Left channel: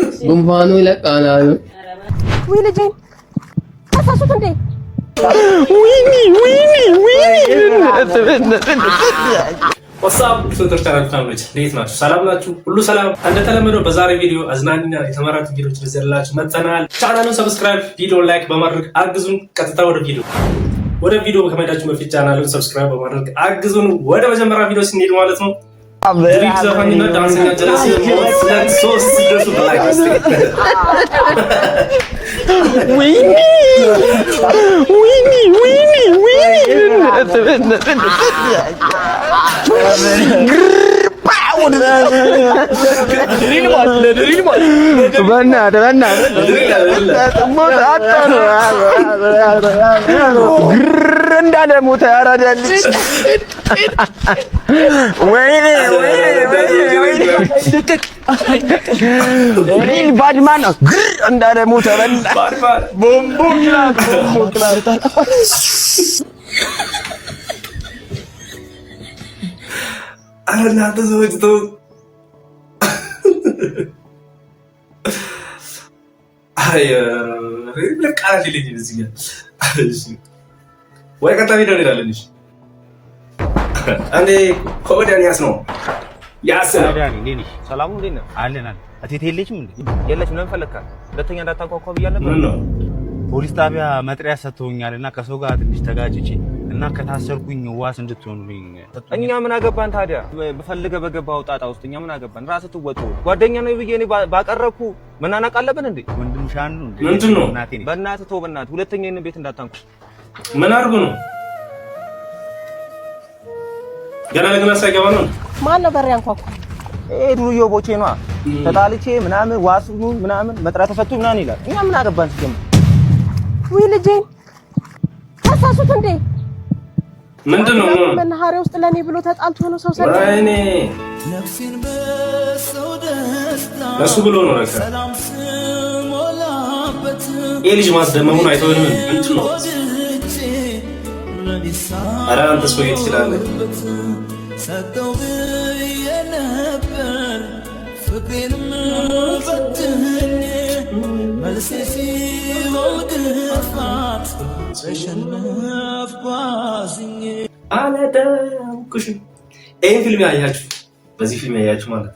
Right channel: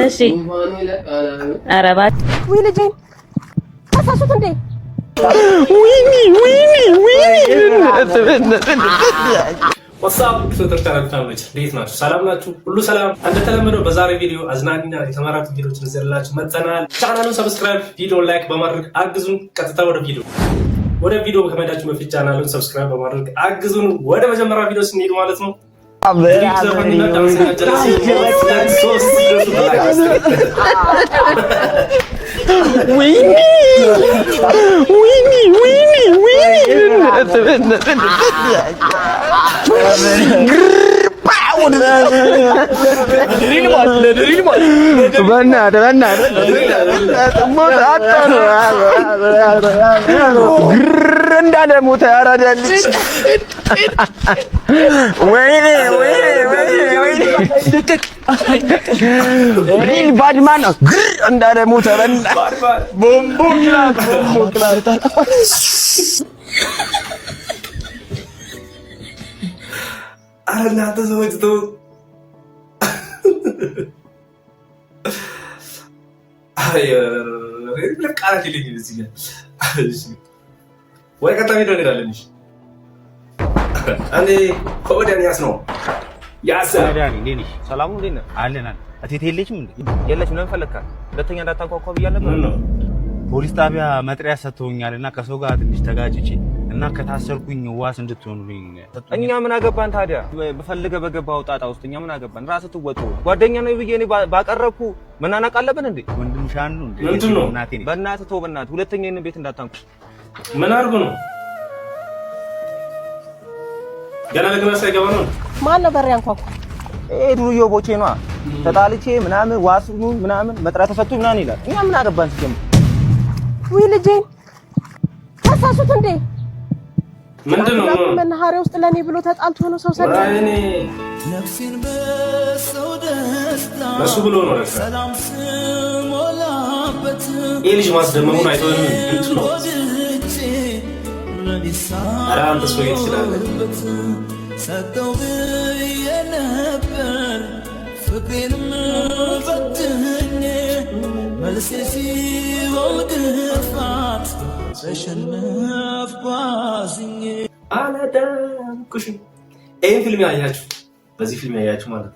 እሺ ጉንፋኑ ይለቃል አሉ። ኧረ እባክህ ወይ ልጄን አሳሱት እንዴ! ወይኔ ወሳብ ፍቅር ተረካለች። እንዴት ናችሁ? ሰላም ናችሁ? ሁሉ ሰላም። እንደተለመደው በዛሬ ቪዲዮ አዝናኝና የተመራጡ ቪዲዮዎች ይዘንላችሁ መጥተናል። ቻናሉን ሰብስክራይብ፣ ቪዲዮን ላይክ በማድረግ አግዙን። ቀጥታ ወደ ቪዲዮ ከመሄዳችሁ በፊት ቻናሉን ሰብስክራይብ በማድረግ አግዙን። ወደ መጀመሪያ ቪዲዮ ስንሄድ ማለት ነው እንዳለ ሞተ ያራዳልሽ ወይኔ ሪል ባድማን ነው እንዳለ ሞተ በእና ቦምቦ ክላስ እናንተ ሰዎች ተው። አይ ለቃላት ይለኝ እዚህ ጋር ወይ ቀጣይ ቪዲዮ እንሄዳለን። እሺ አንዴ ኮዲያንያስ ነው ያሰዳኒ እንዴ ሰላሙ እንዴ ነው አለና አቴቴ የለችም እንዴ የለችም። ለምን ፈለካት? ሁለተኛ እንዳታንኳኳ ብያለሁ ነበር። ፖሊስ ጣቢያ መጥሪያ ሰጥቶኛልና ከሰው ጋር ትንሽ ተጋጭቼ እና ከታሰርኩኝ ዋስ እንድትሆኑልኝ እኛ ምን አገባን ታዲያ? በፈልገ በገባው ጣጣ ውስጥ እኛ ምን አገባን? ራስህ ትወጡ። ጓደኛ ነው ብዬ እኔ ባቀረብኩ መናናቅ አለብን እንዴ? ወንድም ሻን ነው እንዴ? ምንድን ነው እናቴ? በእናትህ ተው፣ በእናትህ ሁለተኛ ይሄን ቤት እንዳታንኩ። ምን አድርጎ ነው? ገና ለገና ሳይገባ ነው። ማን ነው በር ያንኳኳ? ዱርዮ ቦቼ ነው። ተጣልቼ ምናምን ዋስ ምናምን መጥሪያ ተሰጥቶኝ ምናምን ይላል። እኛ ምን አገባን ሲጀምር? ወይ ልጄን ታሳሱት እንዴ? ምንድነው? መናኸሪያ ውስጥ ለኔ ብሎ ተጣልቶ ነው ሰው ሰደ እኔ ነፍሴን በሰው ደስታ እሱ ብሎ ነው ረካ ሰላም ስሞላበት የልጅ ማስደመሙን አይተውም። ምንድነው? አራንተ ሰው ይችላል ሰጠው የነበር ፍቅሬንም በትኝ መልሴ ሲወልግፋት ተሸነፍ ጓዝኝ አለደምኩሽ። ይሄን ፊልም ያያችሁ በዚህ ፊልም ያያችሁ ማለት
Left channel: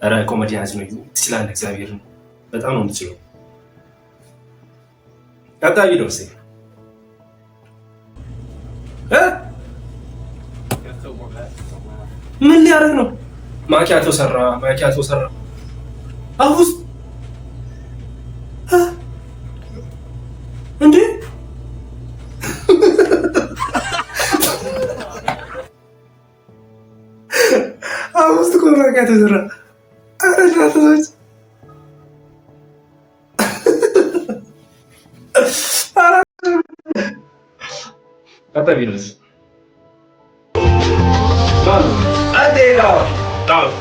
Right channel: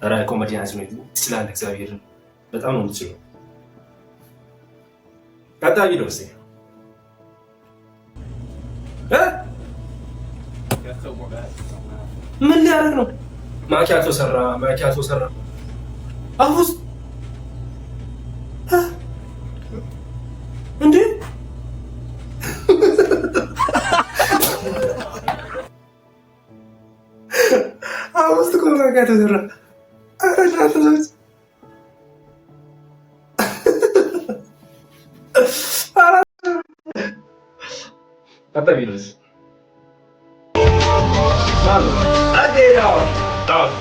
ኧረ ኮሜዲ ያዝ ነው ትችላለህ። እግዚአብሔርን በጣም ነው የምትችለው። ቀጣይ ቪዲዮ እስኪ ምን ሊያደርግ ነው? ማኪያቶ ሰራ አውስ እንዴ አውስት እኮ ማኪያቶ ሰራ። አረጋታች አጣቢሉስ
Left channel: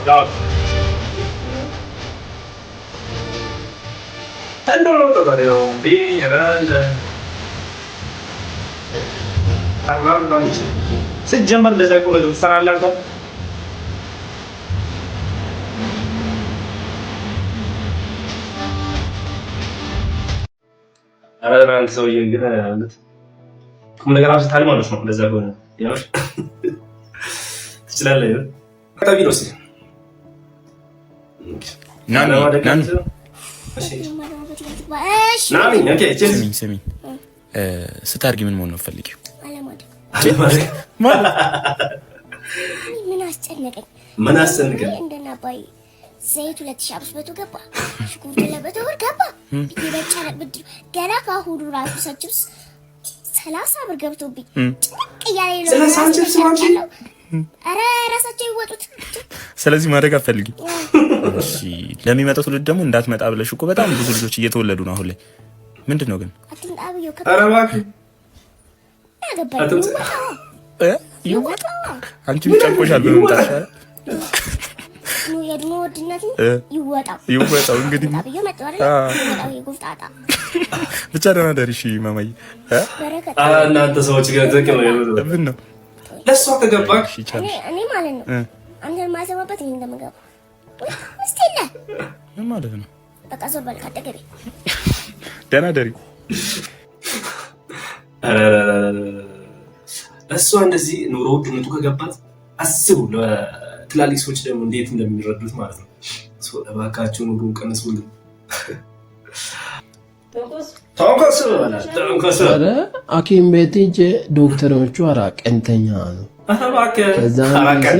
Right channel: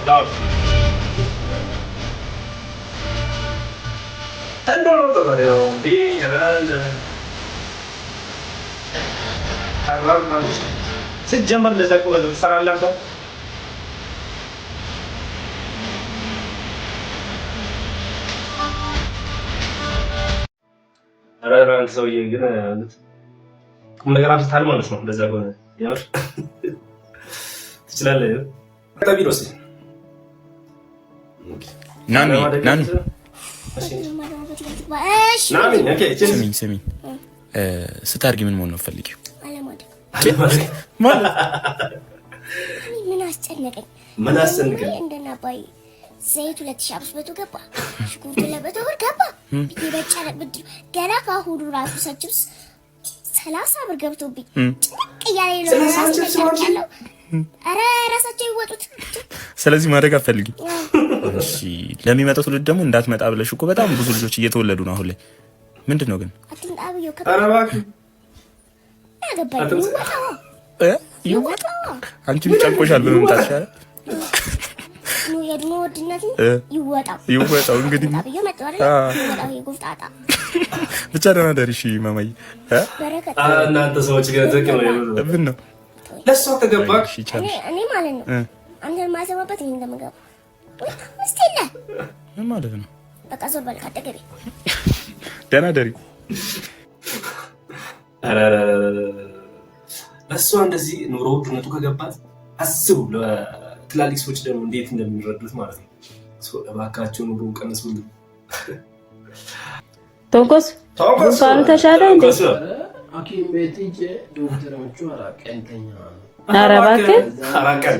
ዳው tanto torniamo bene allora se già manda sa come tu fare allora አራራን ሰውዬ ግን ማለት ቁም ነገር አብዝታል ማለት ነው። እንደዛ ከሆነ ያው ትችላለህ። ታቢሎስ ናኒ ስሚኝ ስታርጊ ምን መሆን ነው ፈልጊው? ምን አስጨነቀኝ? እንደናባይ ዘይት 2500 ገባ፣ ሽኩርት ለበተው ገባ። ይበጫለቅ ብድር ገና ካሁኑ ራሱ ሰጭብስ 30 ብር ገብቶብኝ ጭንቅ እያለኝ ነው። ያለው አረ ራሳቸው ይወጡት። ስለዚህ ማድረግ አትፈልጊም? እሺ ለሚመጣው ትውልድ ደግሞ እንዳትመጣ ብለሽ እኮ በጣም ብዙ ልጆች እየተወለዱ ነው አሁን ላይ። ምንድነው ግን አትንጣብየው አረባክ ያገባኝ ይወጣው አንቺ ጨንቆሻል በመምጣት ይሻላል። ነው የድሞ ወድነት ይወጣው እንግዲህ አብየው መጣው አይደል? ይወጣው ይጉፍጣጣ ብቻ ደህና ደሪ። እሺ ማማዬ በረከት እናንተ ሰዎች ግን ትክክል ነው። ምን ነው ለሷ ተገባክ? እኔ ማለት ነው አንተን ማሰማበት እንደምገባ ወይ እስቲለ ምን ማለት ነው? በቃ ዞር በል ካጠገቤ። ደህና ደሪ። እሷ እንደዚህ ኑሮ ውድነቱ ከገባት አስቡ፣ ለትላልቅ ሰዎች ደግሞ እንዴት እንደሚረዱት ማለት ነው። እባካችሁ ኑሮ ቀንሱልን። ቶንኮስ ተሻለ ኧረ ሐኪም ቤት ሂጅ ዶክተሮቹ ቀንተኛ ነው። ኧረ እባክህ ከዛም ጊዜ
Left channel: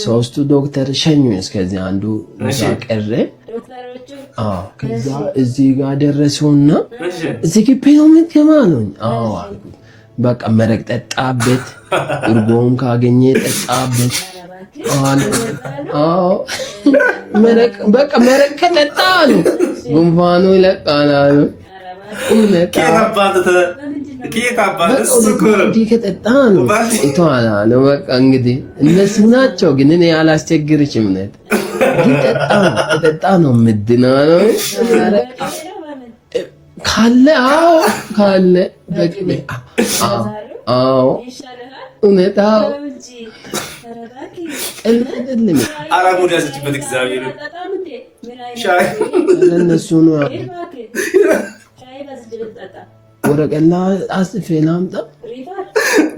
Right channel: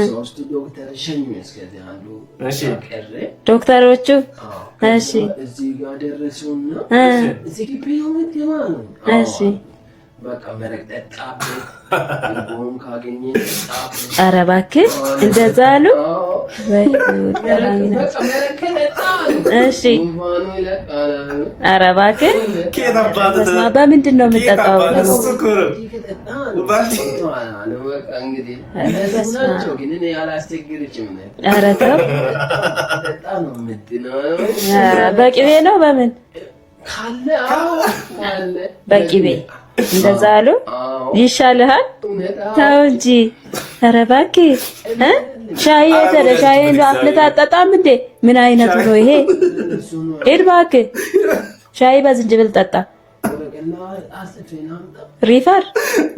3 ዶክተር ሸኙኝ። እስከዚህ አንዱ ቀረ ዶክተሮቹ። ከዛ እዚህ ጋር ደረሱና እዚህ ግቢ ነው የምትገባ ነው። በቃ መረቅ ጠጣበት፣ እርጎውን ካገኘ ጠጣበት። ኧረ እባክህ እንደዛ አሉ። በቃ መረቅ ከጠጣ አሉ ጉንፋኑ ይለቃል አሉ። ኧረ እባክህ በምንድን ነው የምጠጣው? እንዲህ ከጠጣ ነው ይተዋል አሉ። በቃ እንግዲህ እነሱ ናቸው፣ ግን እኔ አላስቸግርሽም ነው። ኧረ ከጠጣ ነው ምድነው ነው። በቅቤ ነው በምን ካለ ካለ በቅቤ እንደዛ አሉ። ይሻልሃል ተው እንጂ። ኧረ እባክህ ሻይ አፍልተህ አትጠጣም እንዴ? ምን አይነቱ ነው ይሄ? ሂድ እባክህ ሻይ በዝንጅብል ጠጣ። ወረቀላ አጽፌ ላምጣ። ሪፈር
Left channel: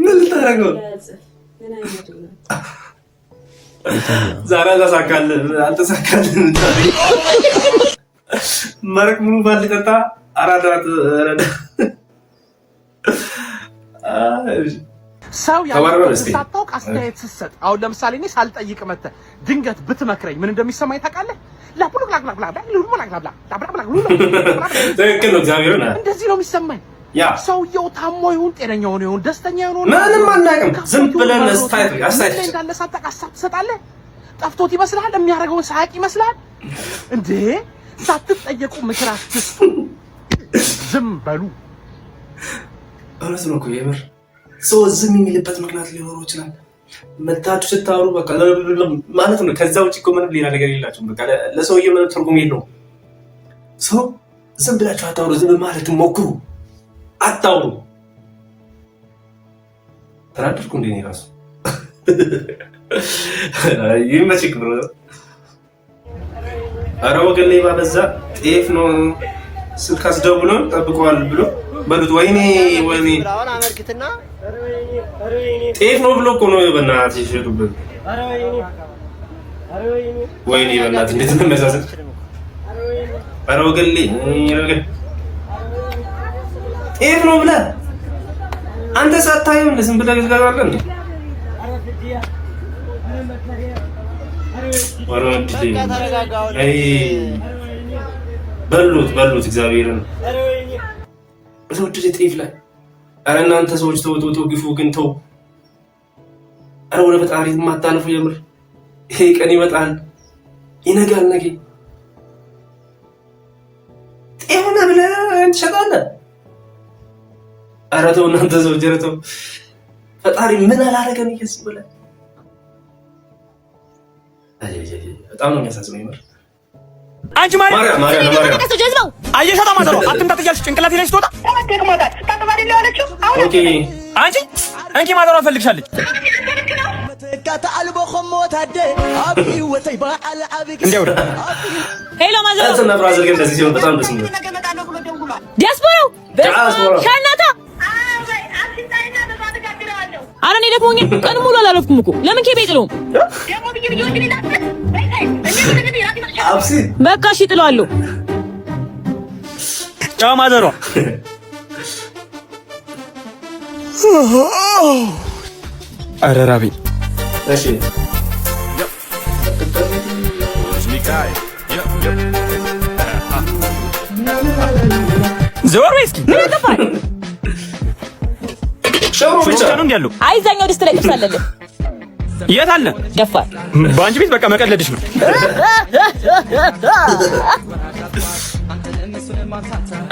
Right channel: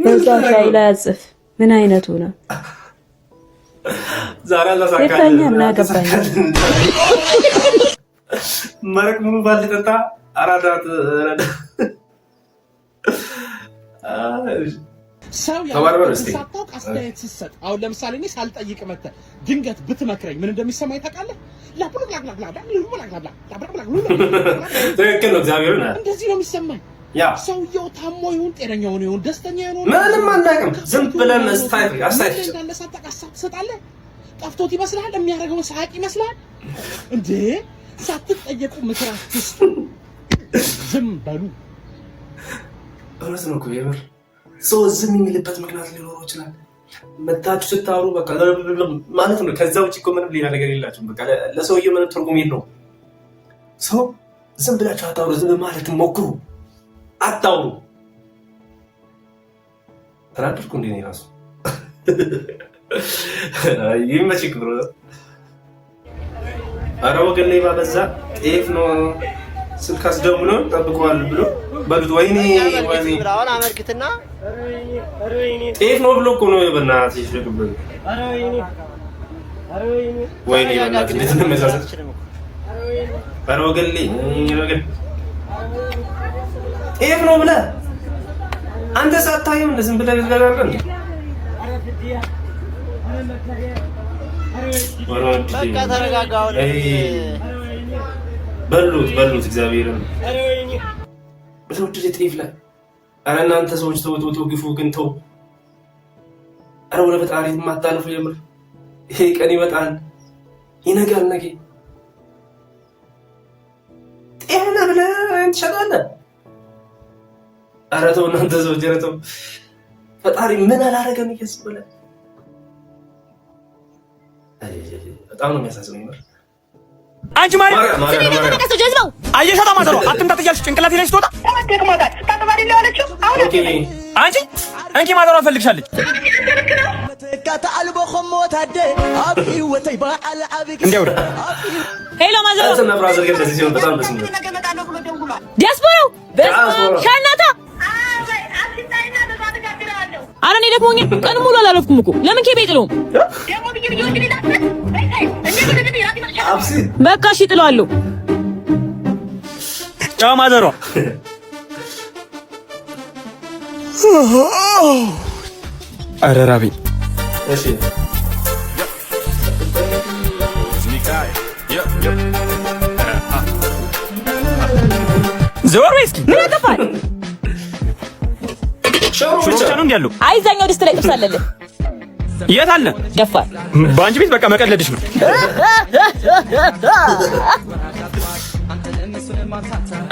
በዛ ሻይ ላይ አጽፍ። ምን አይነቱ ነው? ዛሬ መረቅ ሙሉ ባልጠጣ አራዳት ሰው ያለው ሳታውቅ አስተያየት ስትሰጥ፣ አሁን ለምሳሌ እኔ ሳልጠይቅ መተህ ድንገት ብትመክረኝ ምን እንደሚሰማኝ ታውቃለህ? እንደዚህ ነው የሚሰማኝ። ሰውየው ታሞ ይሁን ጤነኛ ሆኖ ይሁን ደስተኛ ይሁን ምንም አናውቅም። ዝም ብለን አስተያየት እንዳለ ሳታውቅ ሀሳብ ትሰጣለህ። ጠፍቶት ይመስልሃል? የሚያደርገውን ሳያውቅ ይመስልሃል እንዴ? ሳትጠየቁ ምክር አትስጡ፣ ዝም በሉ። እውነት ነው እኮ የምር ሰው ዝም የሚልበት ምክንያት ሊኖረው ይችላል። መታችሁ ስታወሩ በቃ ማለት ነው። ከዛ ውጭ እኮ ምንም ሌላ ነገር የላችሁም። በቃ ለሰውዬ ምንም ትርጉም የለውም። ሰው ዝም ብላችሁ አታውሩ። ዝም ማለት ሞክሩ፣ አታውሩ። ተናደድኩ እንዴ? እኔ እራሱ ይመችክ ብሎ ኧረ ወገን ሌባ በዛ። ጤፍ ነው ስልክ አስደውሎ ጠብቀዋል ብሎ በሉት። ወይኔ ጤፍ ነው ብሎ እኮ ነው በእናትህ ይሸጡበት። ወይኔ በእናትህ እንዴት ነው የሚያሳዝን። ኧረ ወገን ጤፍ ነው ብለህ አንተ ሳታየው እንደ ዝም ብለህ ትገዛለህ እንዴ? በቃ ተረጋጋው። በሉት እግዚአብሔርን በተወደደ ጤፍ ላይ። ኧረ እናንተ ሰዎች ተው ግፉ ግን ተው። ኧረ ወደ ፈጣሪ የማታልፉ የምር ይሄ ቀን ይመጣል፣ ይነጋል። ነገ ጤፍ ነህ ብለህ ትሸጣለህ። ኧረ ተው እናንተ ሰዎች፣ ኧረ ተው። ፈጣሪ ምን አላረገን እያስብለ በጣም ነው የሚያሳዝነው የምር። አንቺ ማርያም አየሻታ ማዘሯ አትምጣት እያልሽ ጭንቅላቴ ላይ ስትወጣ አንቺ እንኪ ማዘሯ ፈልግሻለች። እንዲያው ሄሎ ማዘሯ ዲያስፖራው ሻናታ ኧረ እኔ ደክሞኛል። ቀን ሙሉ አላረፍኩም እኮ ለምን ኬቤ ጥለው በቃ እሺ ጥለዋለሁ። ጫው ማዘሯ ኧረ ራበኝ። ዘወር በይ እስኪ። ምን ያጠፋል? ሽሮ ብቻ ነው እንዴ ያለው? አይ እዛኛው ድስት ላይ ጥብስ አለልህ። የት አለ? ደፋል። በአንቺ ቤት በቃ መቀለድሽ ነው።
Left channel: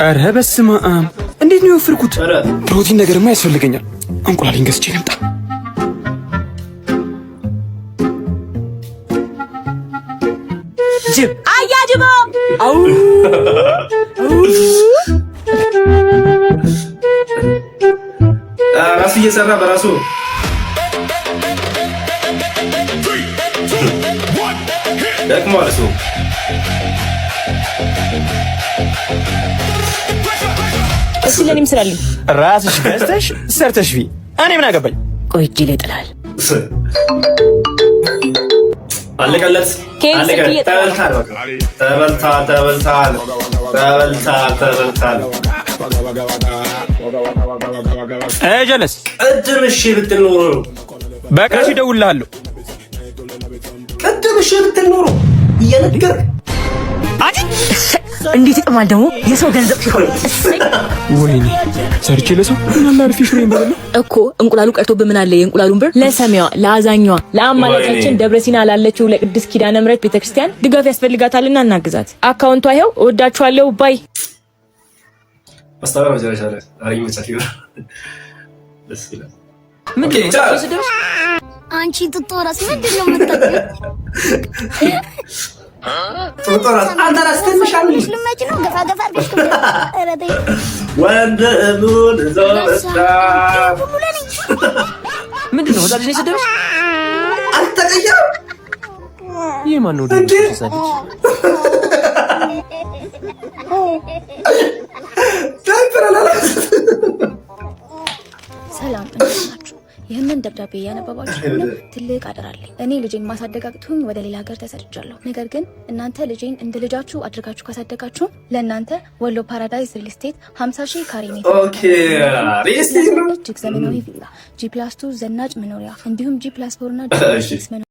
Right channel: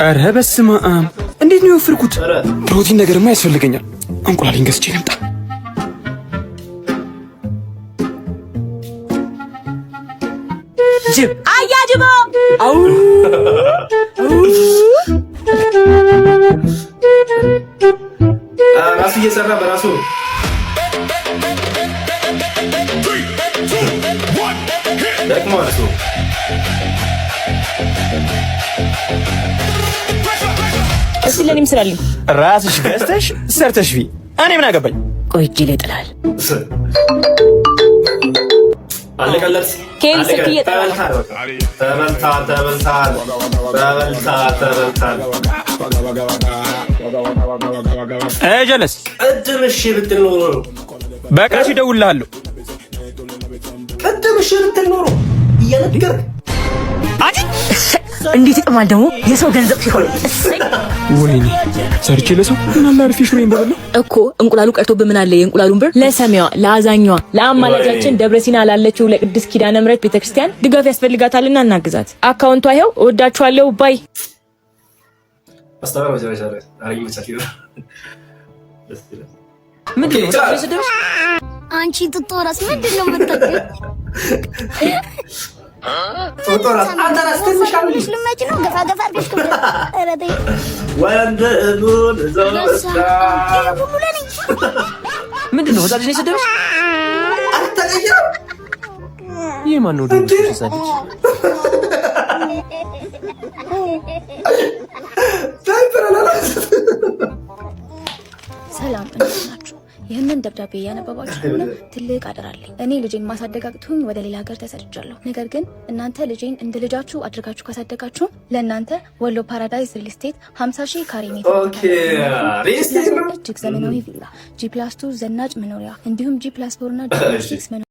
ኧረ በስመ አብ! እንዴት ነው የወፈርኩት? ፕሮቲን ነገርማ ያስፈልገኛል። እንቁላሌን ገዝቼ ልምጣ። ጅብ አያጅቦ አው ራሱ እየሰራ በራሱ ደግሞ እስቲ ለኔም ስራልኝ። ራስሽ ገዝተሽ ሰርተሽ ቢ እኔ ምን አገባኝ? ቆይ እጄ ላይ ጥላል። አለቀለት። ኬቪ ስልክ እየጠራ ነው። ጀለስ ቅድም እሺ ብትል ኖሮ በቃ እሺ እደውልልሃለሁ። ቅድም እሺ ብትል ኖሮ እየነገርክ እንዴት ይጥማል ደግሞ የሰው ገንዘብ ሲሆን። ወይኔ ሰርቼ ለሰው ምን አለ አርፌ ሽሮዬን በበላ እኮ እንቁላሉ ቀርቶብህ ምን አለ የእንቁላሉን ብር ለሰሚዋ ለአዛኛዋ ለአማላጃችን ደብረሲና ላለችው ለቅድስት ኪዳነ ምሕረት ቤተክርስቲያን ድጋፍ ያስፈልጋታልና እናግዛት። አካውንቷ ይኸው። እወዳችኋለሁ። ባይ አስተባባሪ መጨረሻ ላይ አሪኝ መቻል ደስ ይላል። ምንድን ነው ስለሰደው አንቺ ትጦራስ ምንድን ነው የምታውቂው? ቶቶራስ አንተራስ ተፈሻለሽ ልመጭ ነው ገፋ ገፋ አድርገሽ ከብረ አረዴ ወንድ እቡን ዘወጣ ሁሉ ለኔ ምንድን ነው ወጣልሽ ስለሰደው አልተቀየረም። የማን ነው ደውልሽ ሲሳደች? ሰላም እንዴት ናችሁ? ይህንን ደብዳቤ እያነበባችሁ ከሆነ ትልቅ አደራለኝ። እኔ ልጄን ማሳደግ አቅቶኝ ወደ ሌላ ሀገር ተሰድጃለሁ። ነገር ግን እናንተ ልጄን እንደ ልጃችሁ አድርጋችሁ ካሳደጋችሁ ለእናንተ ወሎ ፓራዳይዝ ሪል ስቴት 50,000 ካሬ ሜትር እጅግ ዘመናዊ ቪላ፣ G+2 ዘናጭ መኖሪያ እንዲሁም G+4 እና G+6